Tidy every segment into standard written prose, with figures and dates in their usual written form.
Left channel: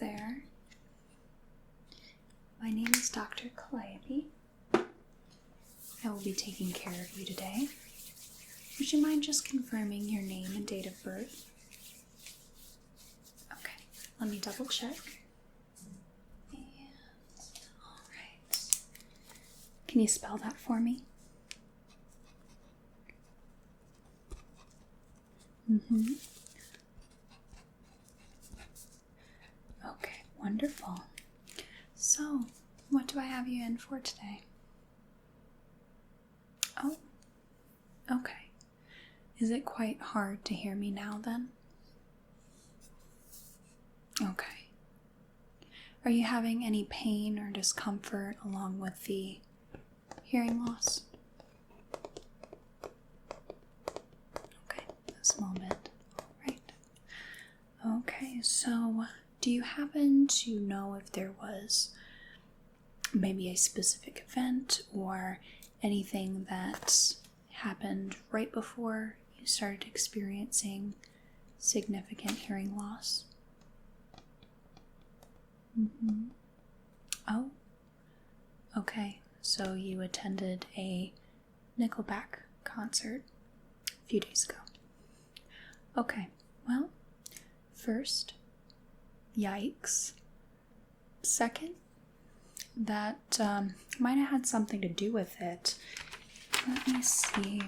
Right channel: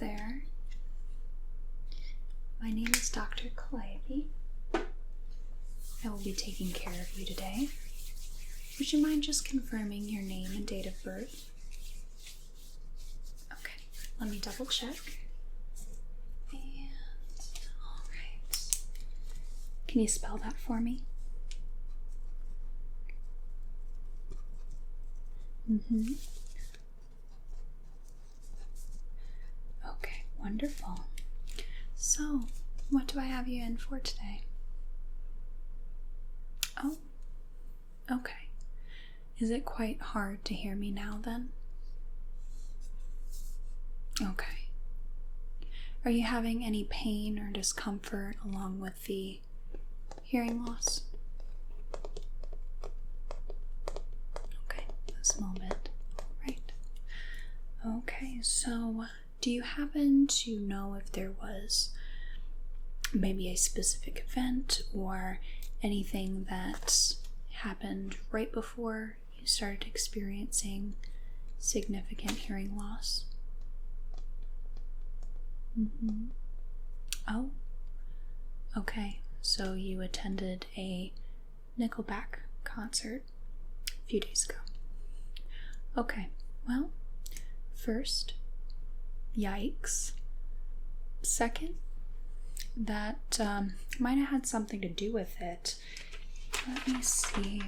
there. My name is Dr. Calliope. I will be taking care of you today. Would you mind just confirming your name and date of birth? Okay, let me double check. And, alright. Can you spell that for me? Okay, wonderful. So, what do I have you in for today? Oh, okay. Is it quite hard to hear me now then? Okay. Are you having any pain or discomfort along with the hearing loss? Okay, a small bit. All right. Okay, so do you happen to know if there was maybe a specific event or anything that happened right before you started experiencing significant hearing loss? Oh, okay. So you attended a NICKELBACK concert a few days ago. Okay, well, first, yikes. Second, that might have had something to do with it. Let me see.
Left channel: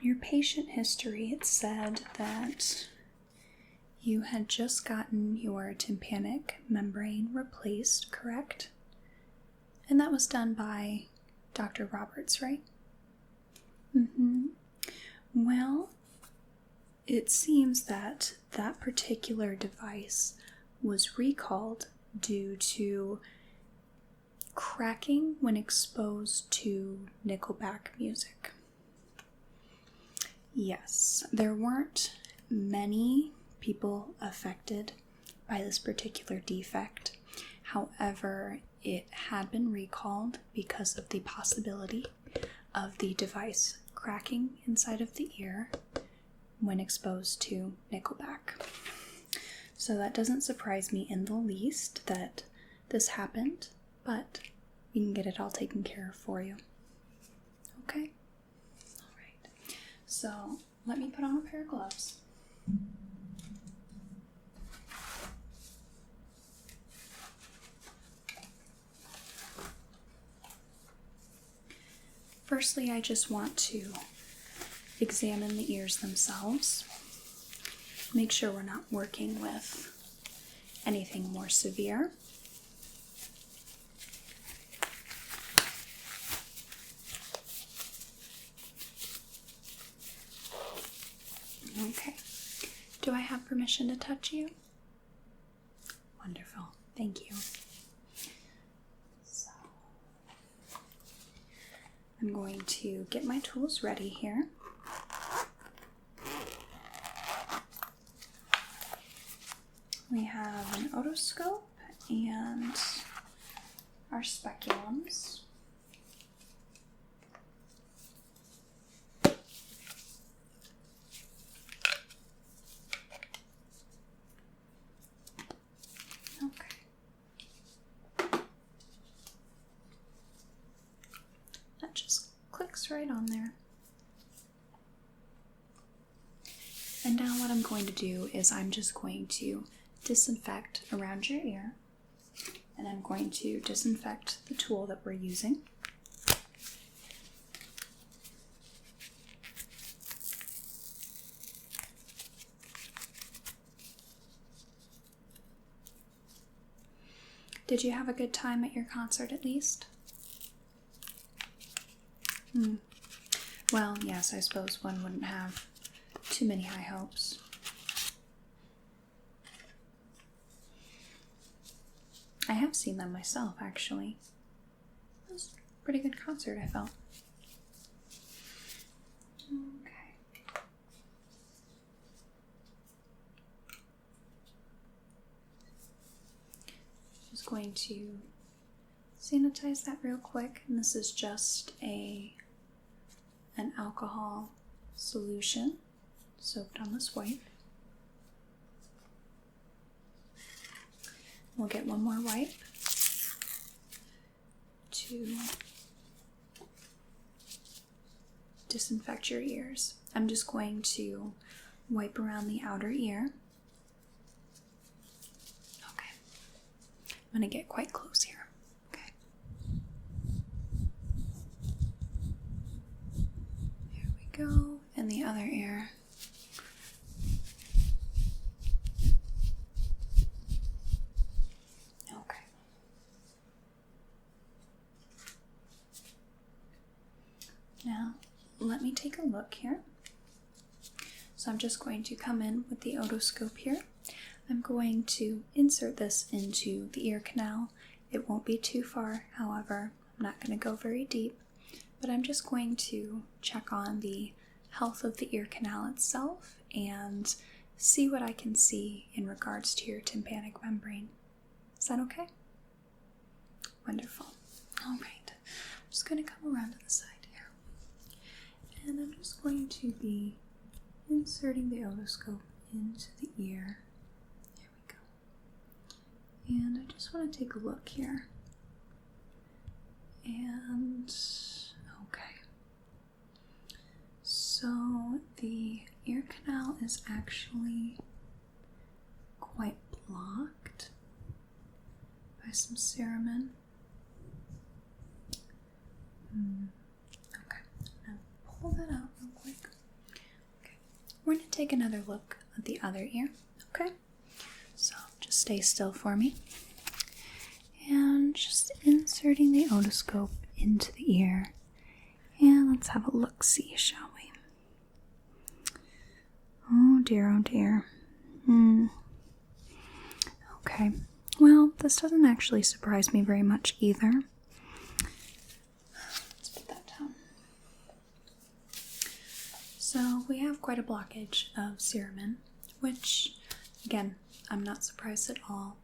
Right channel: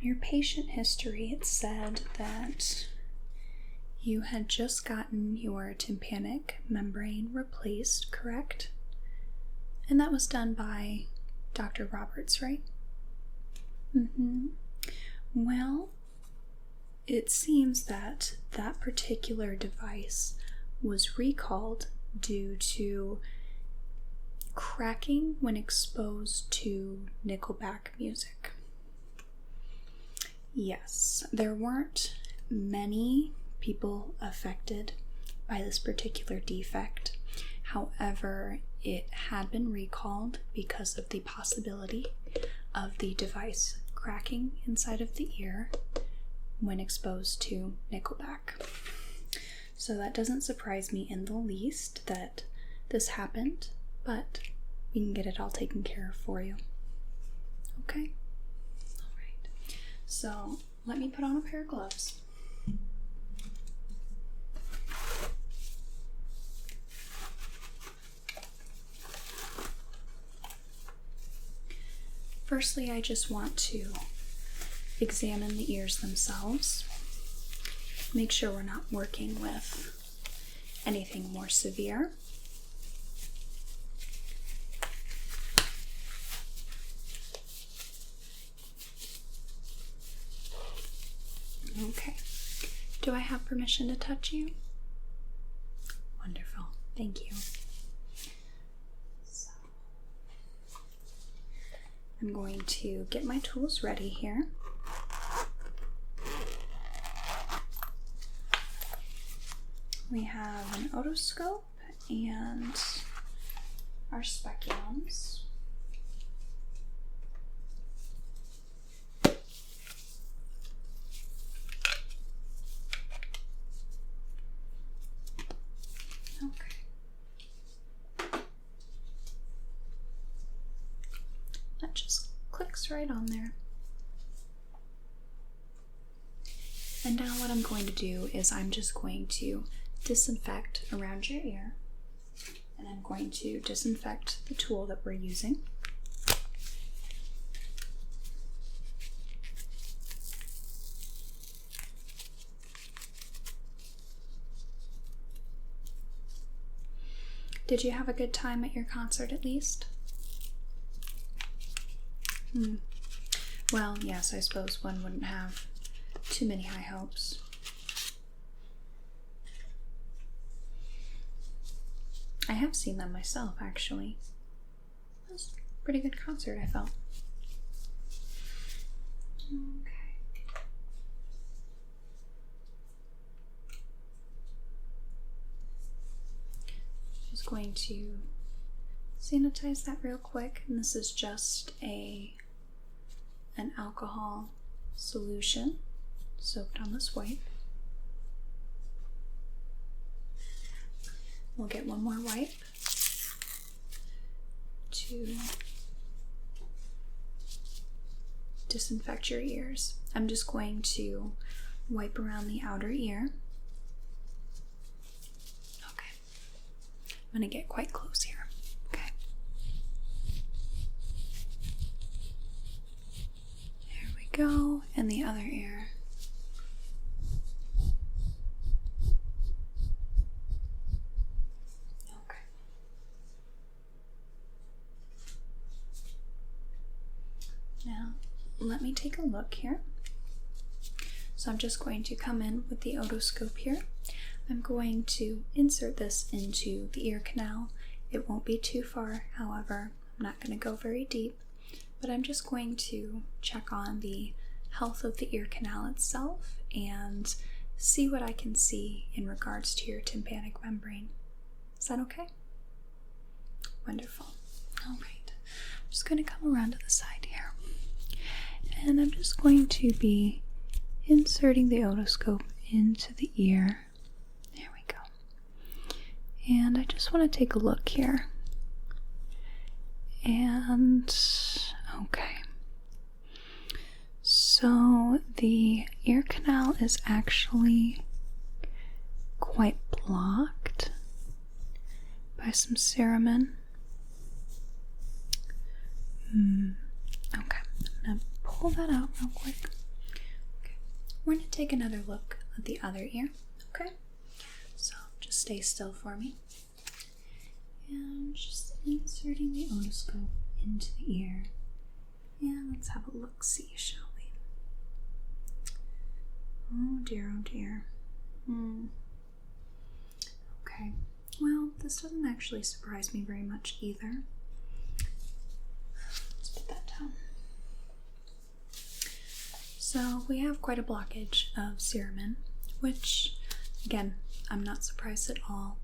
In your patient history, it said that you had just gotten your tympanic membrane replaced, correct? And that was done by Dr. Roberts, right? Well, it seems that that particular device was recalled due to cracking when exposed to NICKELBACK music. Yes, there weren't many people affected by this particular defect. However, it had been recalled because of the possibility of the device cracking inside of the ear when exposed to NICKELBACK. So that doesn't surprise me in the least that this happened, but we can get it all taken care of for you. Okay? Alright. So let me put on a pair of gloves. Firstly, I just want to examine the ears themselves. Make sure we're not working with anything more severe. Okay. Do I have permission to touch you? Wonderful. Thank you. So, I'm going to get my tools ready here. We have an otoscope and our speculums. Okay. That just clicks right on there. And now what I'm going to do is I'm just going to disinfect around your ear, and I'm going to disinfect the tool that we're using. Did you have a good time at your concert at least? Well, yes, I suppose one wouldn't have too many high hopes. I have seen them myself, actually. It was a pretty good concert, I felt. Okay. Just going to sanitize that real quick, and this is just an alcohol solution soaked on this wipe. we'll get one more wipe to disinfect your ears. I'm just going to wipe around the outer ear. Okay. I'm going to get quite close here. Okay. There we go. And the other ear. Okay. Now, let me take a look here. So I'm just going to come in with the otoscope here. I'm going to insert this into the ear canal. It won't be too far, however. I'm not going to go very deep, but I'm just going to check on the health of the ear canal itself and see what I can see in regards to your tympanic membrane. Is that okay? Wonderful. All right. I'm just going to come around to the side here. And I'm just going to be inserting the otoscope into the ear. There we go. And I just want to take a look here. And, okay. So the ear canal is actually quite blocked by some cerumen. Okay, I'm going to pull that out real quick. Okay, we're going to take another look at the other ear. Okay, so just stay still for me. And just inserting the otoscope into the ear. And let's have a look-see, shall we? Oh dear, oh dear. Okay, well, this doesn't actually surprise me very much either. Let's put that down. So we have quite a blockage of cerumen, which, again, I'm not surprised at all.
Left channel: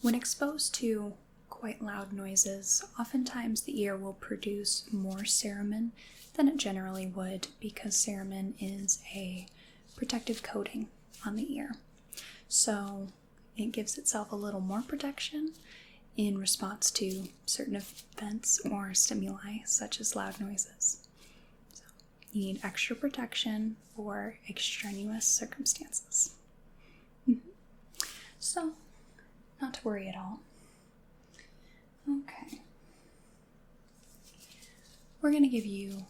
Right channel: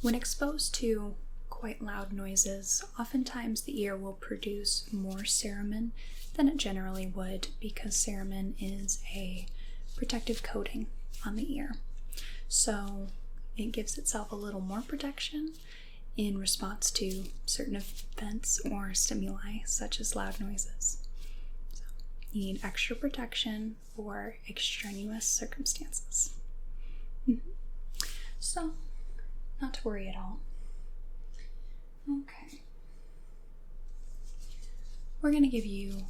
When exposed to quite loud noises, oftentimes the ear will produce more cerumen than it generally would because cerumen is a protective coating on the ear. So it gives itself a little more protection in response to certain events or stimuli such as loud noises. So you need extra protection for extraneous circumstances. So, not to worry at all. Okay. We're going to give you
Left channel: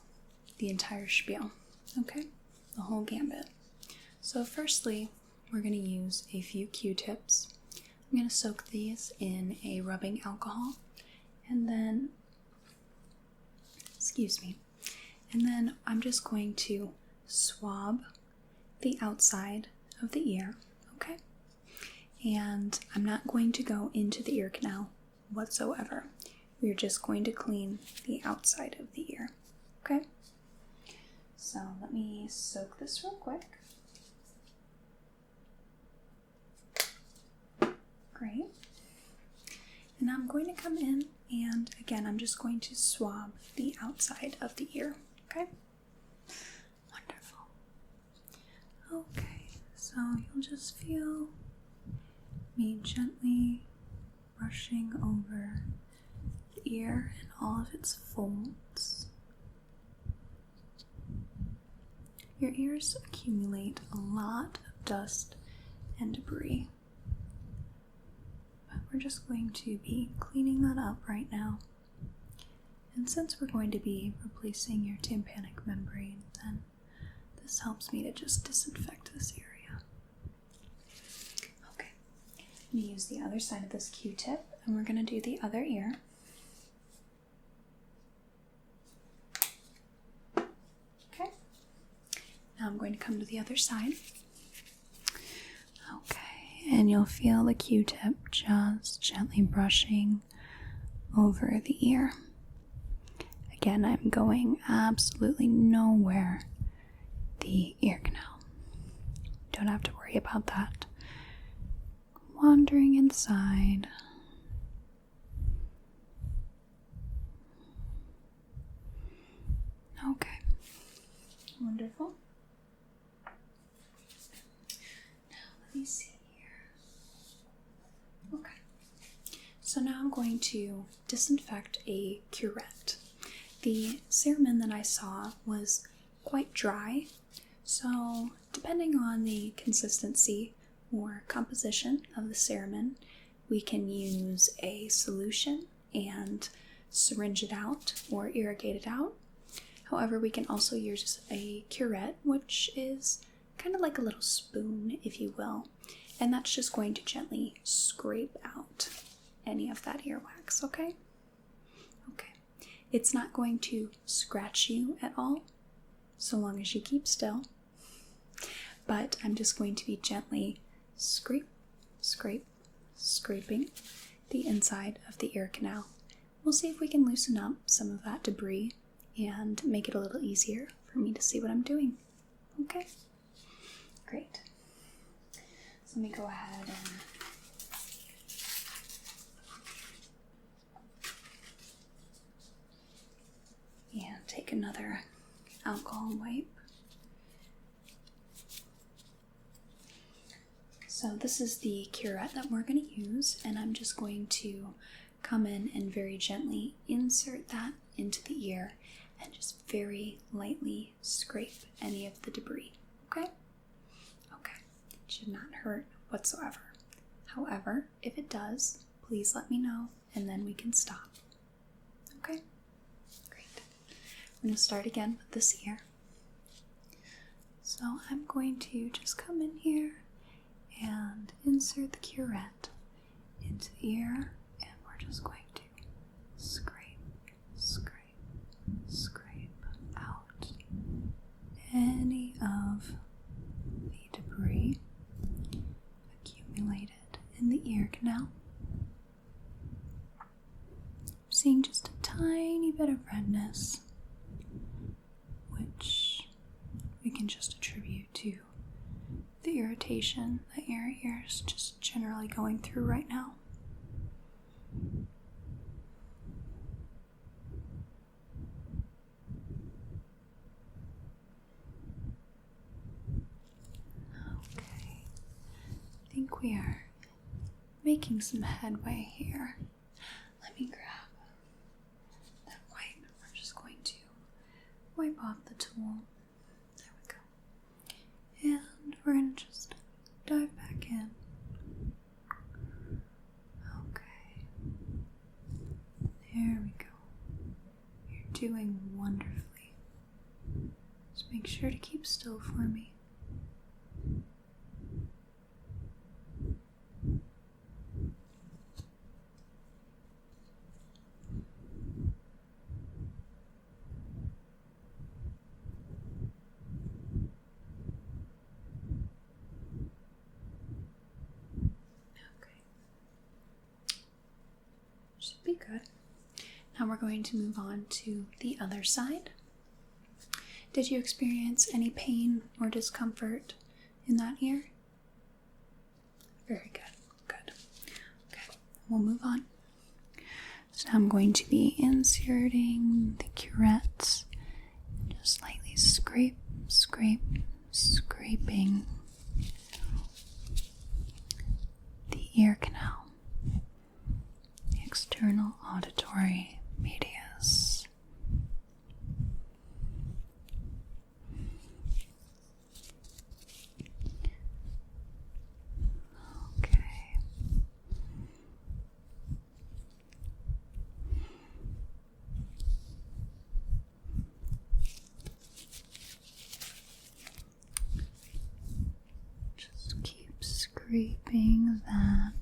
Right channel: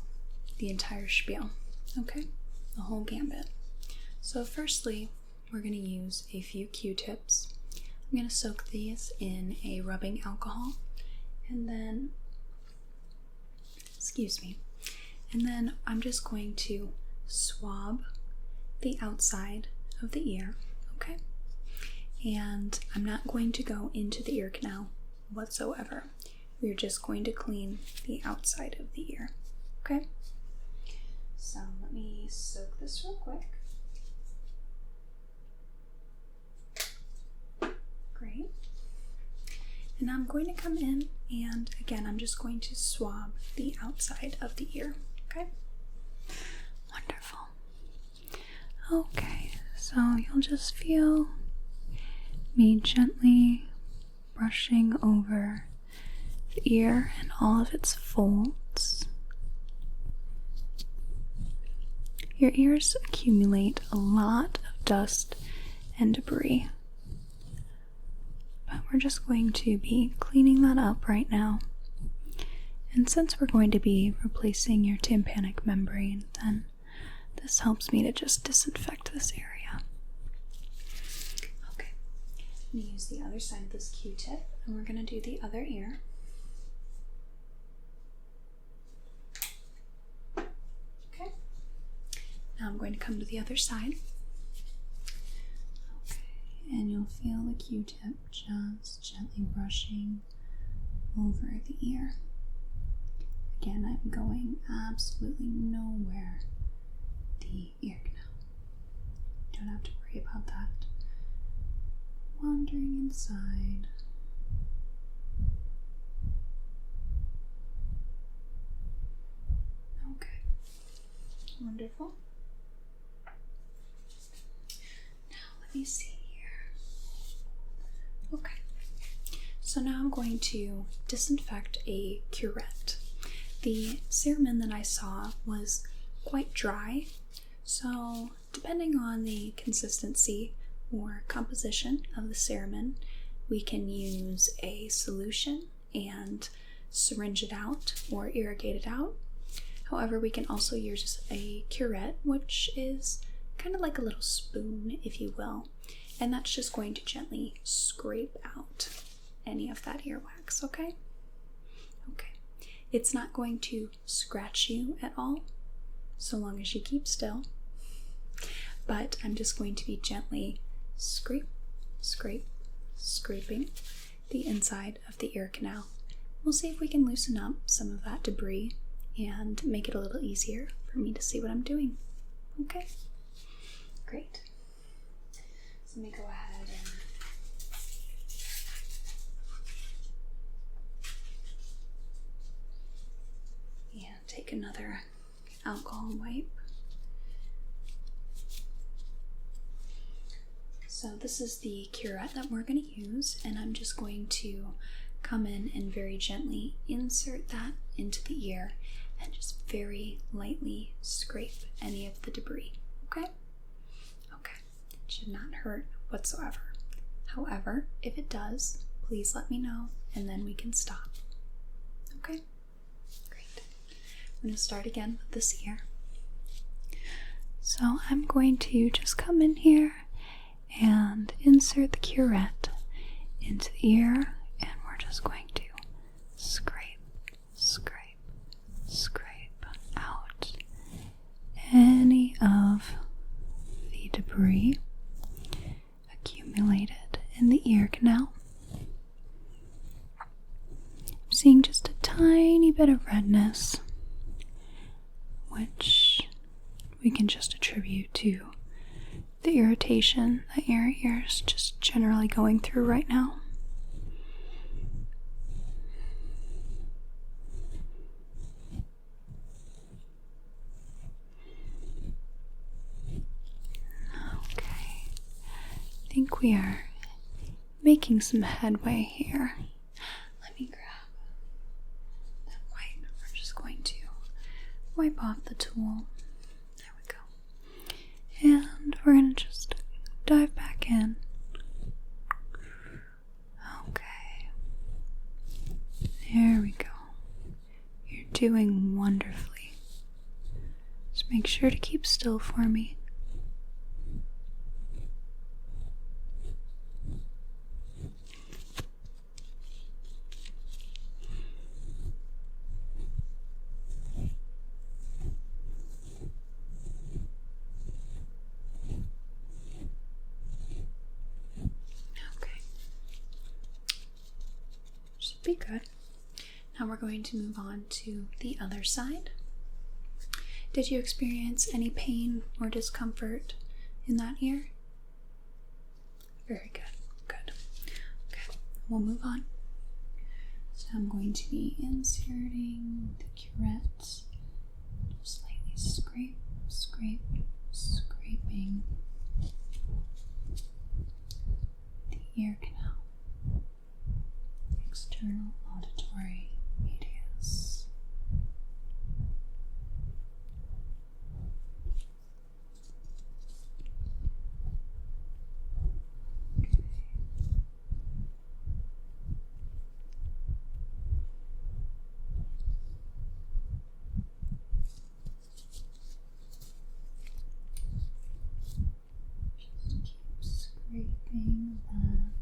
the entire spiel, okay? The whole gambit. So firstly, we're going to use a few Q-tips. I'm going to soak these in a rubbing alcohol and then, and then I'm just going to swab the outside of the ear, okay? And I'm not going to go into the ear canal whatsoever. We're just going to clean the outside of the ear, okay? So let me soak this real quick. Great. And I'm going to come in and again, I'm just going to swab the outside of the ear, okay? Wonderful. Okay, so you'll just feel me gently brushing over the ear and all of its folds. Your ears accumulate a lot of dust and debris, but we're just going to be cleaning that up right now. And since we're going to be replacing your tympanic membrane, then this helps me to just disinfect this area. Okay, I'm going to use the other side of this Q-tip, and we're going to do the other ear. Okay, now I'm going to come to the other side. Okay, and you'll feel the Q-tip just gently brushing over the ear. Again, I'm going absolutely nowhere the ear canal. Don't have to worry about that. Wandering inside. Okay. Wonderful. Now let me see here. Okay. So now I'm going to disinfect a curette. The cerumen that I saw was quite dry, so depending on the consistency or composition of the cerumen, we can use a solution and syringe it out or irrigate it out. However, we can also use a curette, which is kind of like a little spoon, if you will, and that's just going to gently scrape out any of that earwax, okay? Okay. It's not going to scratch you at all, so long as you keep still, but I'm just going to be gently scraping the inside of the ear canal. We'll see if we can loosen up some of that debris and make it a little easier for me to see what I'm doing. Okay? Great. So let me go ahead and take another alcohol wipe. So this is the curette that we're going to use, and I'm just going to come in and very gently insert that into the ear and just very lightly scrape any of the debris, okay? Okay, it should not hurt whatsoever. However, if it does, please let me know and then we can stop, okay? Great. I'm going to start again with this ear. So I'm going to just come in here and insert the curette into the ear, and we're just going to scrape out any of the debris accumulated in the ear canal. I'm seeing just a tiny bit of redness, which we can just attribute to the irritation that your ear is just generally going through right now. Okay, I think we are making some headway here. Let me grab that wipe. We're just going to wipe off the tool. There we go. And we're going to just dive back in. Okay. There we go. You're doing wonderfully. Just make sure to keep still for me. Be good. Now we're going to move on to the other side. Did you experience any pain or discomfort in that ear? Very good. Good. Okay, we'll move on. So now I'm going to be inserting the curettes. Just slightly scraping the ear canal. External auditory medius. Okay. Just keep scraping that.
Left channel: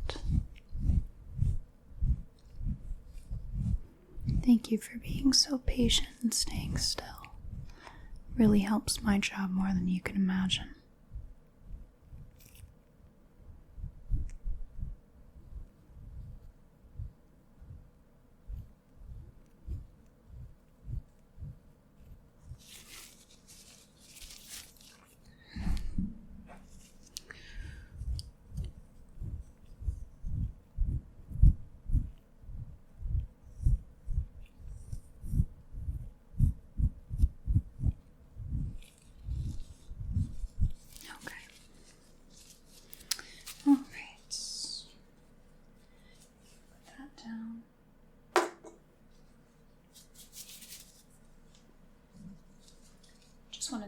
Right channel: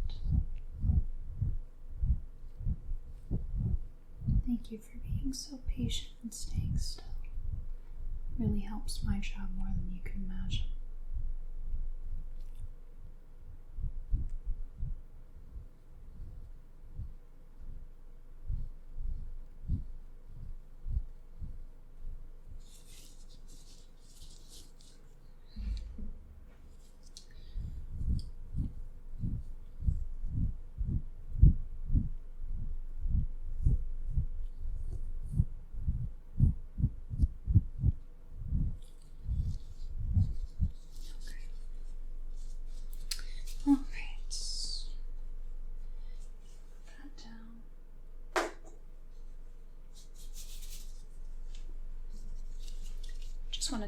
Thank you for being so patient and staying still. Really helps my job more than you can imagine.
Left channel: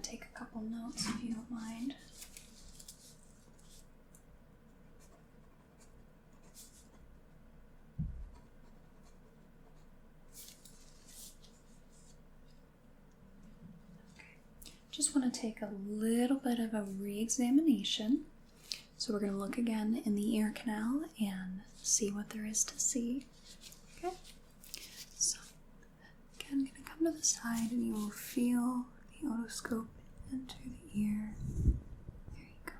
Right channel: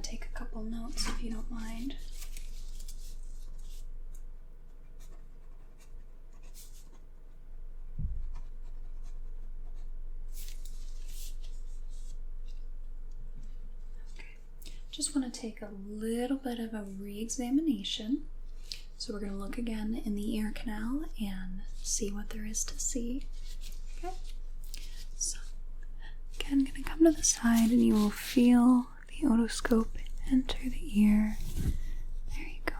to take a couple notes if you don't mind. Just want to take a little bit of a re-examination. So we're going to look again in the ear canal and see what there is to see. Okay? So again, I'm going to come to the side and you will feel the otoscope enter the ear. There you go.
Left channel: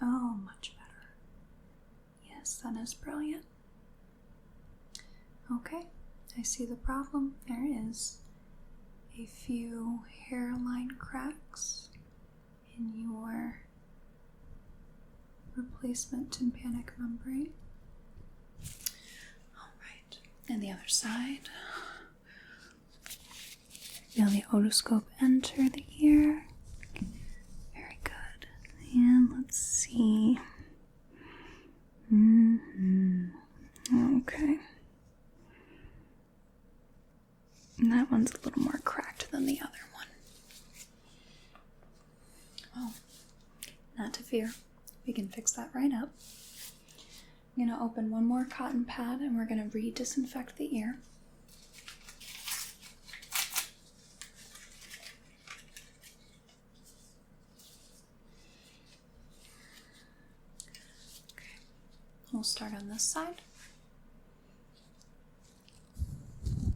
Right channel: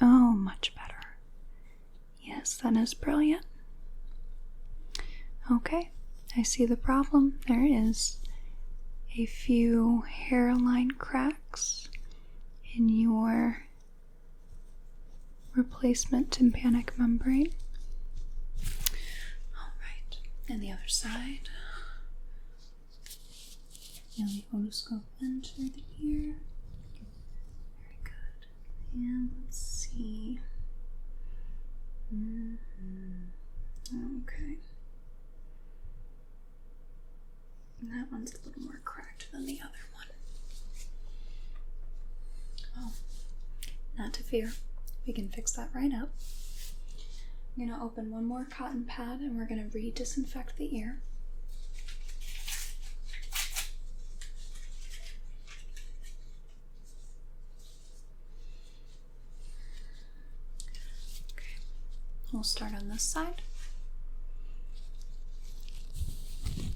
Oh, much better. Yes, that is brilliant. Okay, I see the problem. There is a few hairline cracks in your replacement tympanic membrane. Alright, and the other side. Feel the otoscope enter the ear. Very good. And let's see. Okay. And that one's a little more cracked than the other one. Oh, not to fear. We can fix that right up. I'm going to open one more cotton pad and we're going to re-disinfect the ear. Okay, we'll start on this side.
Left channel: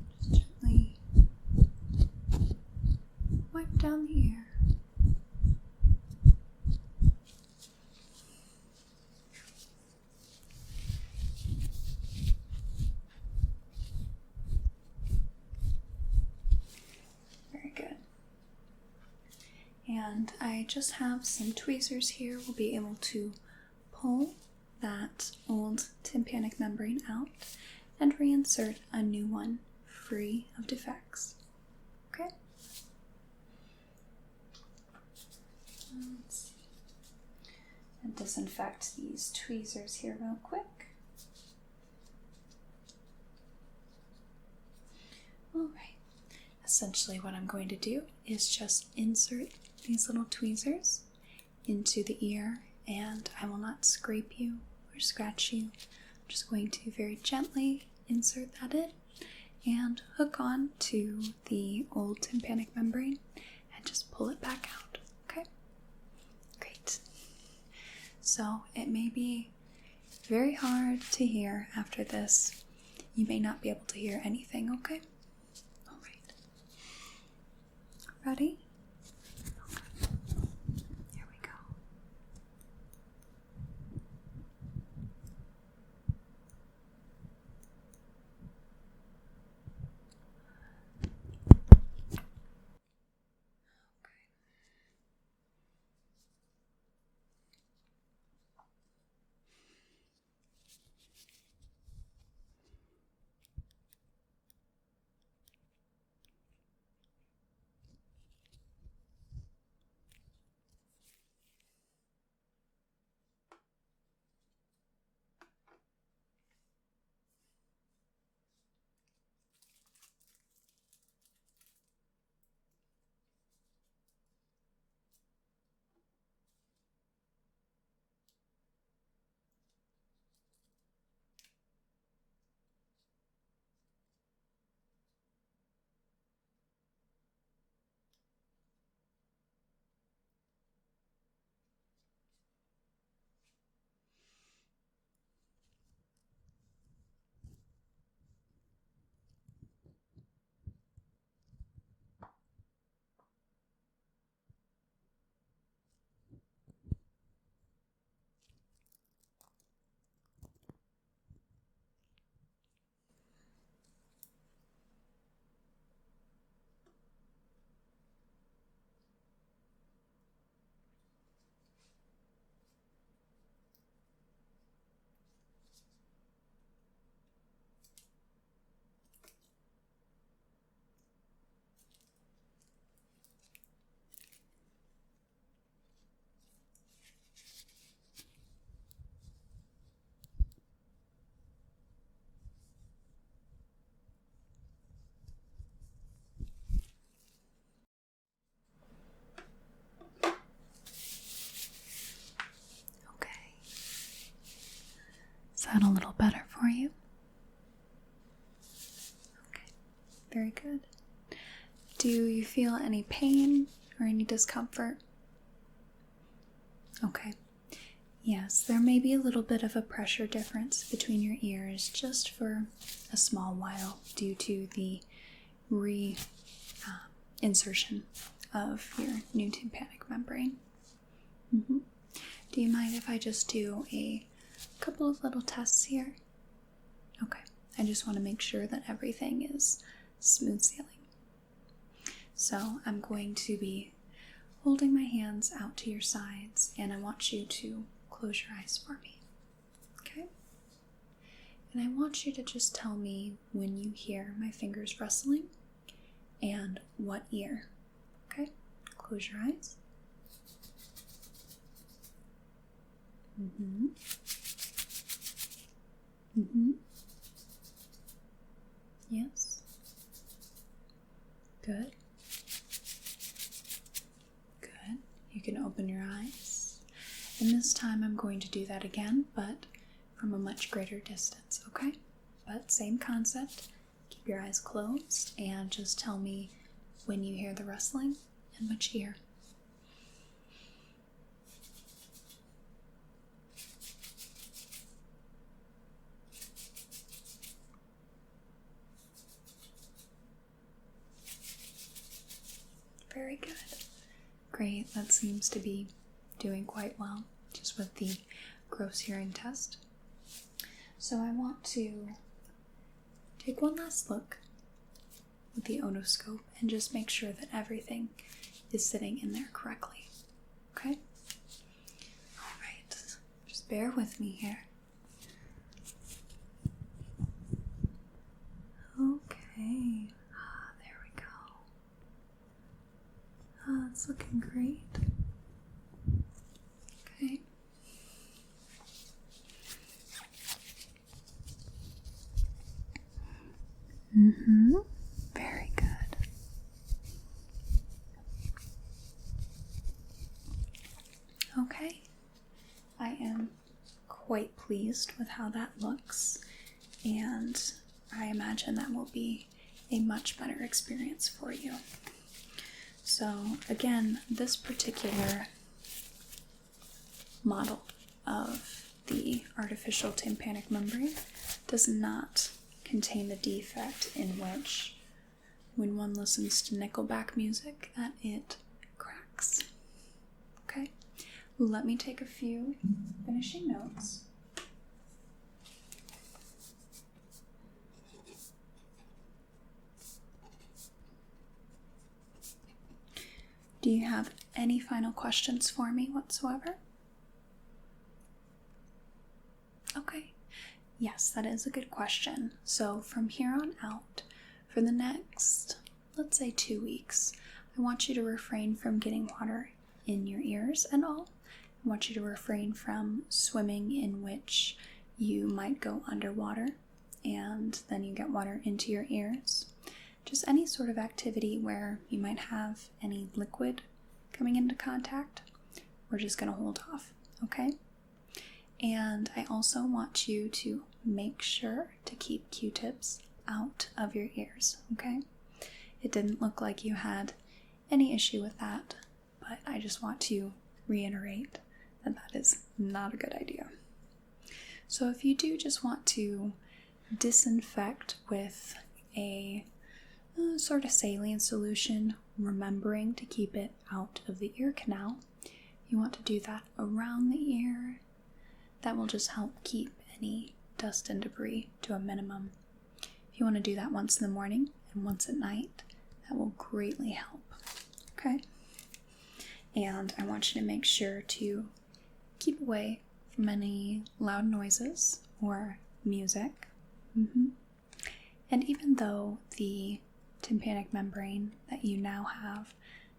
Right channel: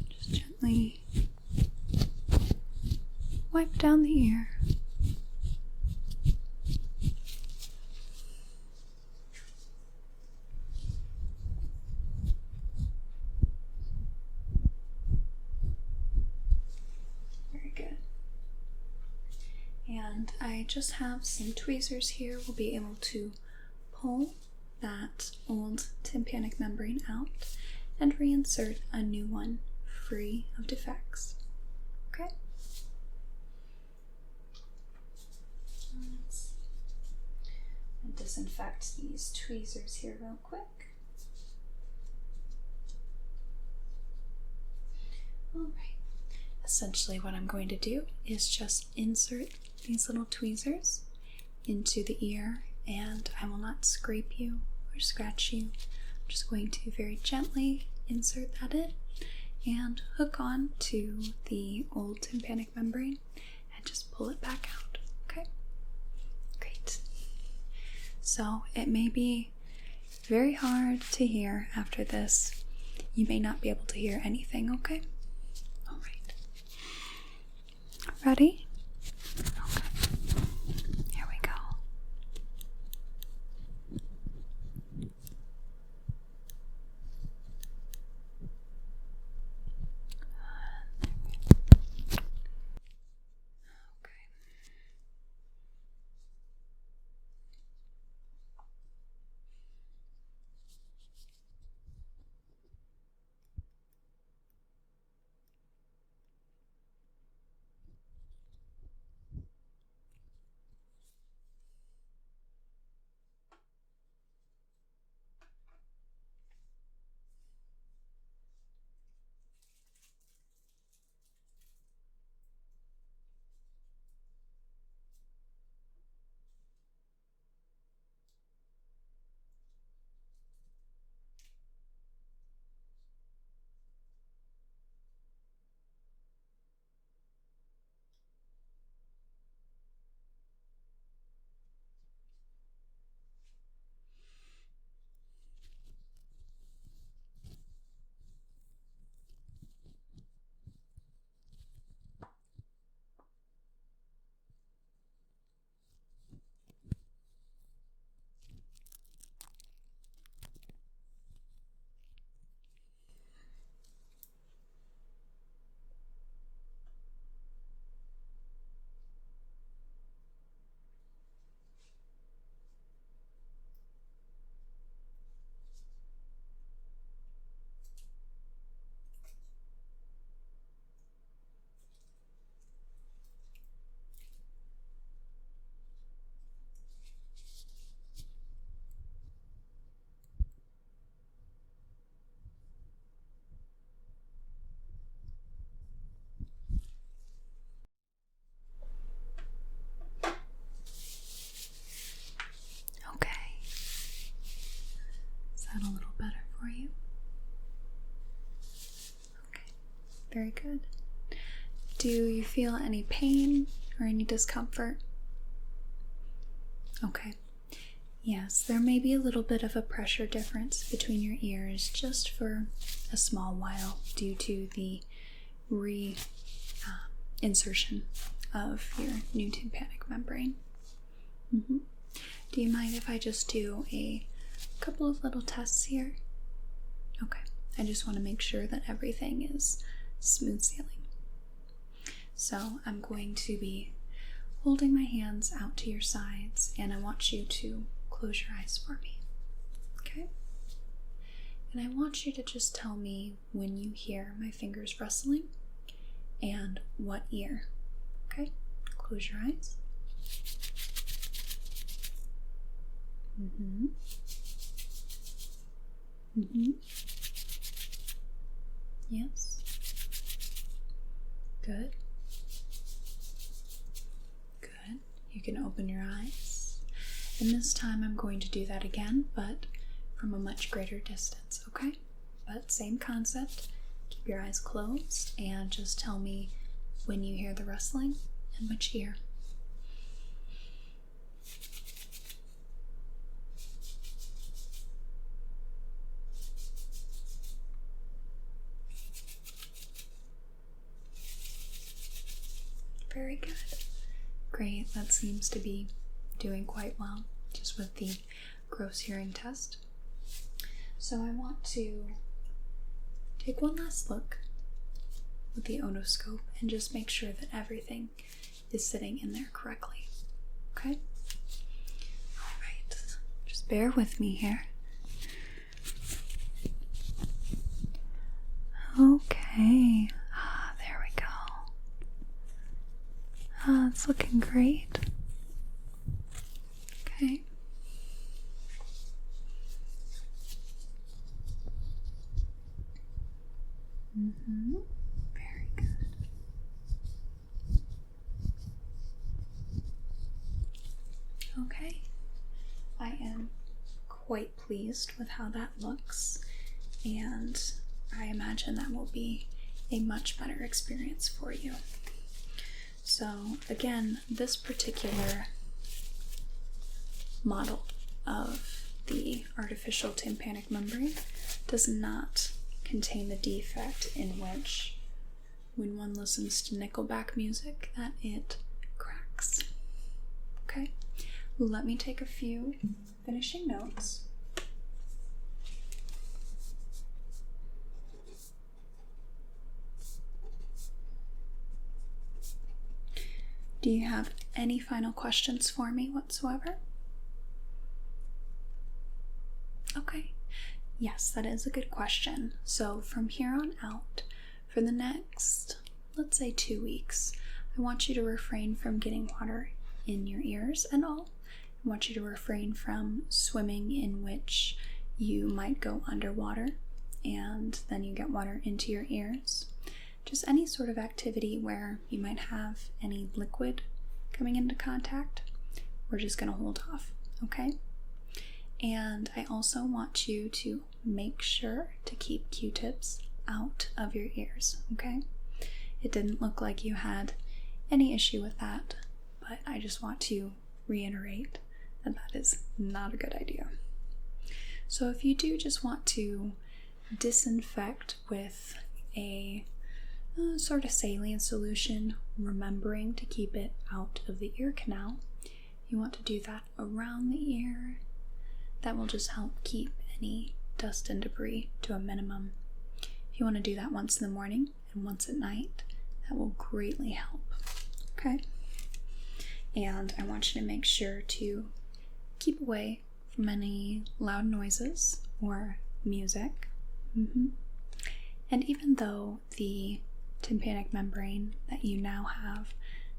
Just gently wipe down the ear. Very good. And I just have some tweezers here. We'll be able to pull that old tympanic membrane out and reinsert a new one free of defects. Okay? Let's see. And disinfect these tweezers here real quick. Alright. Essentially what I'm going to do is just insert these little tweezers into the ear, and I will not scrape you or scratch you. I'm just going to very gently insert that in and hook on to the old tympanic membrane and just pull it back out. Okay? Great. So it may be very hard to hear after this. You may not be able to hear anything, okay? Alright. Ready? Okay. Here we go. that a little better for you? Okay, very good. Do you feel any pain or any discomfort? Okay. Yes, there may be a little bit of a pressure difference between your ears just for a small while due to the insertion of your new tympanic membrane. Do you mind if I just do a couple of little tests here? Okay, I just want to make sure that everything is smooth sailing. So I'm going to be holding my hands out to your sides, and I want you to close your eyes for me. Okay? And I want you to just tell me when you hear my fingers rustling and what ear. Okay? Close your eyes. Yes. Good. Good. You can open your eyes. And this time I'm going to do that again, but from a much greater distance, okay? But same concept. Keep your eyes closed and just tell me when you hear the rustling and which ear. Very good. Great, that seems to be doing quite well just with the gross hearing test. So I want to take one last look with the otoscope and just make sure that everything is sitting in there correctly. Okay? Alright, just bear with me here. Okay. There we go. It's looking great. Okay. Very good. Okay. I am quite pleased with how that looks, and I imagine that will be a much better experience for you. So again, this particular model of the artificial tympanic membrane does not contain the defect in which when one listens to Nickelback music that it cracks. Okay, let me take a few finishing notes. Do you have any final questions for me whatsoever? Okay. Yes, that is a good question. So from here on out, for the next, let's say 2 weeks, I want you to refrain from getting water in your ears and all. I want you to refrain from swimming in which you might go underwater and then you get water into your ears. Just any sort of activity where you might have any liquid coming into contact, we're just going to hold off, okay? And I also want you to make sure to keep Q-tips out of your ears, okay? It didn't look like you had any issue with that, but I just want to reiterate that that is not a good idea. So if you do just want to disinfect with a sort of saline solution, remembering to keep it out of the ear canal, you want to do that around the ear. That will just help keep any dust and debris to a minimum. If you want to do that once in the morning and once at night, that will greatly help. Okay? And I want you to make sure to keep away from any loud noises or music. And even though the tympanic membrane that you now have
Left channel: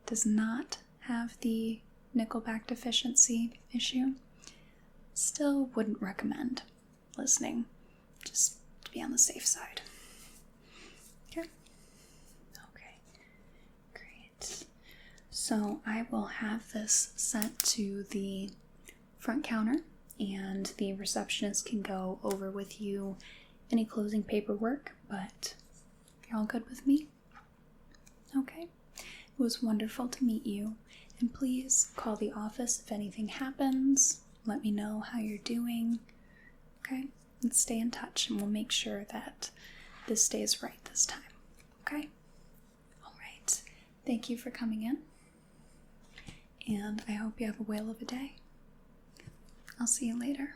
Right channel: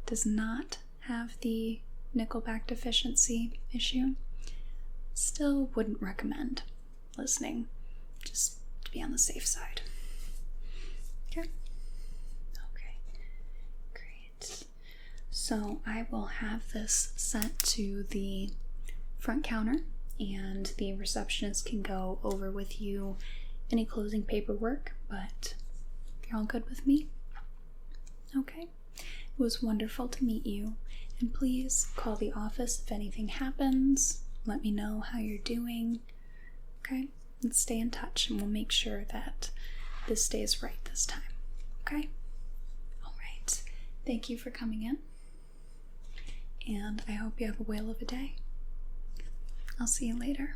does not have the Nickelback deficiency issue, still wouldn't recommend listening, just to be on the safe side. Okay? Okay, great. So I will have this sent to the front counter and the receptionist can go over with you any closing paperwork, but you're all good with me? Okay. It was wonderful to meet you, and please call the office if anything happens. Let me know how you're doing. Okay? And stay in touch, and we'll make sure that this stays right this time. Okay? All right. Thank you for coming in, and I hope you have a whale of a day. I'll see you later.